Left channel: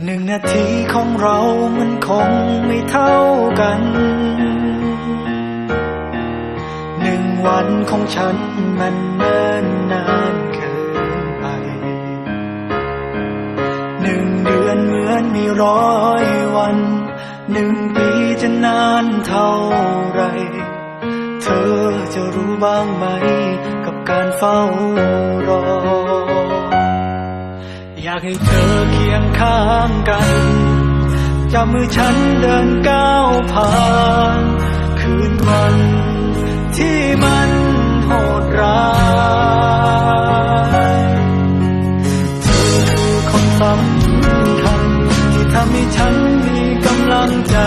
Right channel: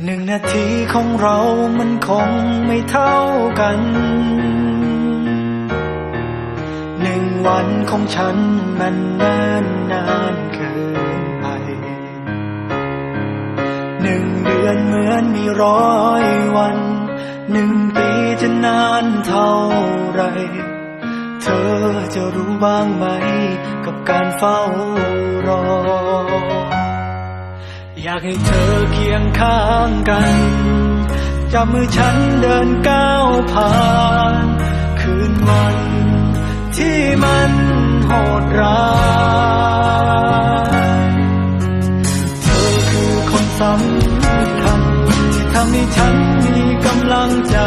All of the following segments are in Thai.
1 นาทีของเรามันคงไม่เท่ากัน1 วันของฉันมันเนิ่นนานเกินไป1 เดือนเหมือนมี100 วัน1 ปีจะนานเท่าไรเธอจะรู้บ้างไหมกับการเฝ้ารออยากให้เธอเคียงข้างกันจับมือฉันเดินก้าวผ่านคืนวันที่มันโหดร้ายเธอคือคนสำคัญที่ทำให้ฉันมีกำลังใจ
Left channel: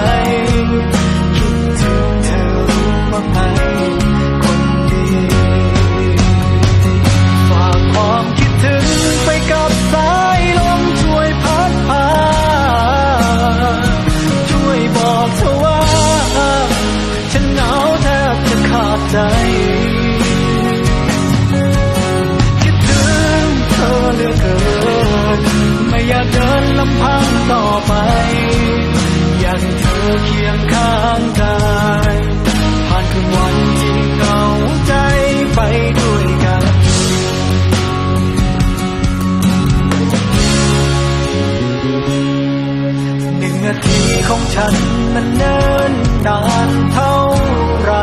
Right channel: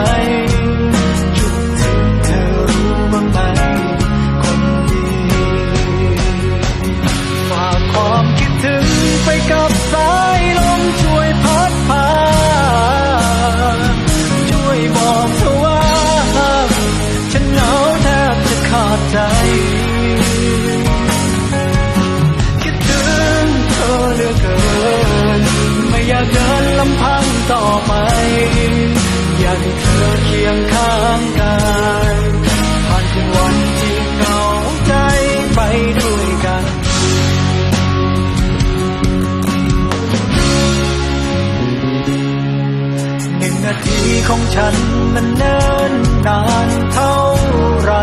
คิดถึงเธอรู้บ้างไหมคนดีฝากความคิดถึงไปกับสายลมช่วยพัดพาช่วยบอกเธอว่าฉันเหงาแทบจะขาดใจคิดถึงเธอเหลือเกินไม่อยากเดินลำพังต่อไปอยากให้เธอเคียงข้างกายผ่านคืนวันที่เหงาใจไปด้วยกัน1 นาทีของฉันมันเนิ่นนานเท่าไร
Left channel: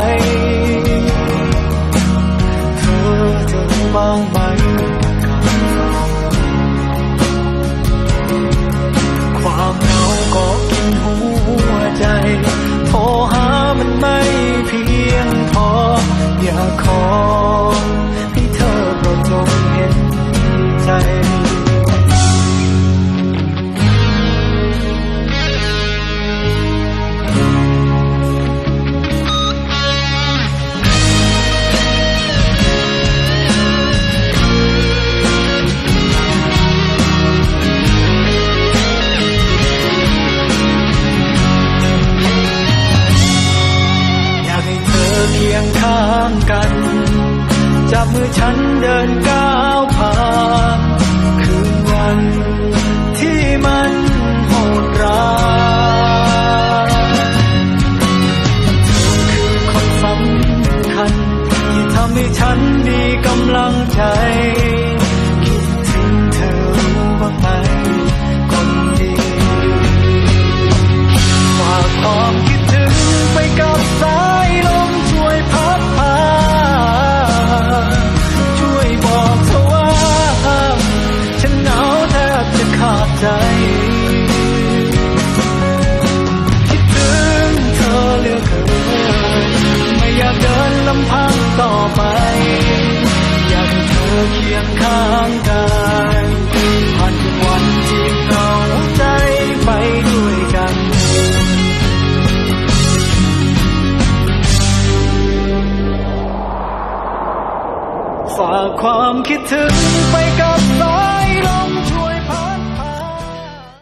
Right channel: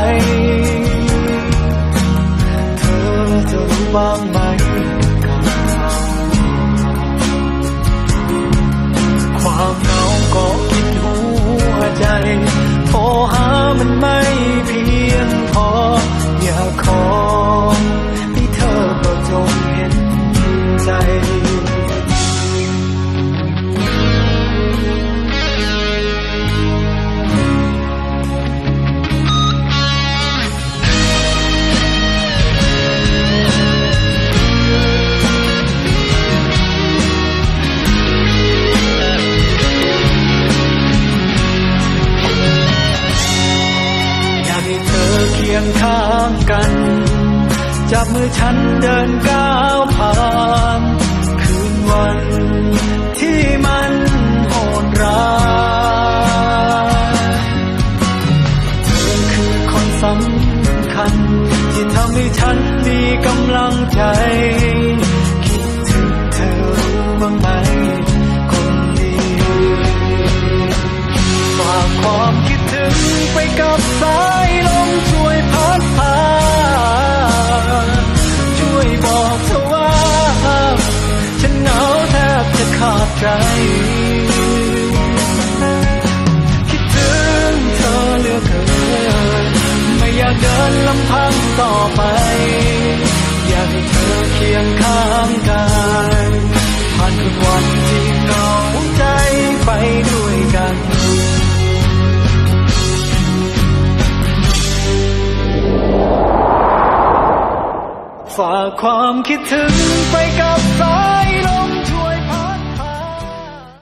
เธอจะรู้บ้างไหมกับการเฝ้ารอความเหงาก็กินหัวใจโทรหามันไม่เพียงพออยากขอให้เธอโปรดจงเห็นใจให้เธอเคียงข้างกันจับมือฉันเดินก้าวผ่านคืนวันที่มันโหดร้ายเธอคือคนสำคัญที่ทำให้ฉันมีกำลังใจคิดถึงเธอรู้บ้างไหมคนดีฝากความคิดถึงไปกับสายลมช่วยพัดพาช่วยบอกเธอว่าฉันเหงาแทบจะขาดใจคิดถึงเธอเหลือเกินไม่อยากเดินลำพังต่อไปอยากให้เธอเคียงข้างกายผ่านคืนวันที่เหงาใจไปด้วยกันฝากความคิดถึงไปกับสายลม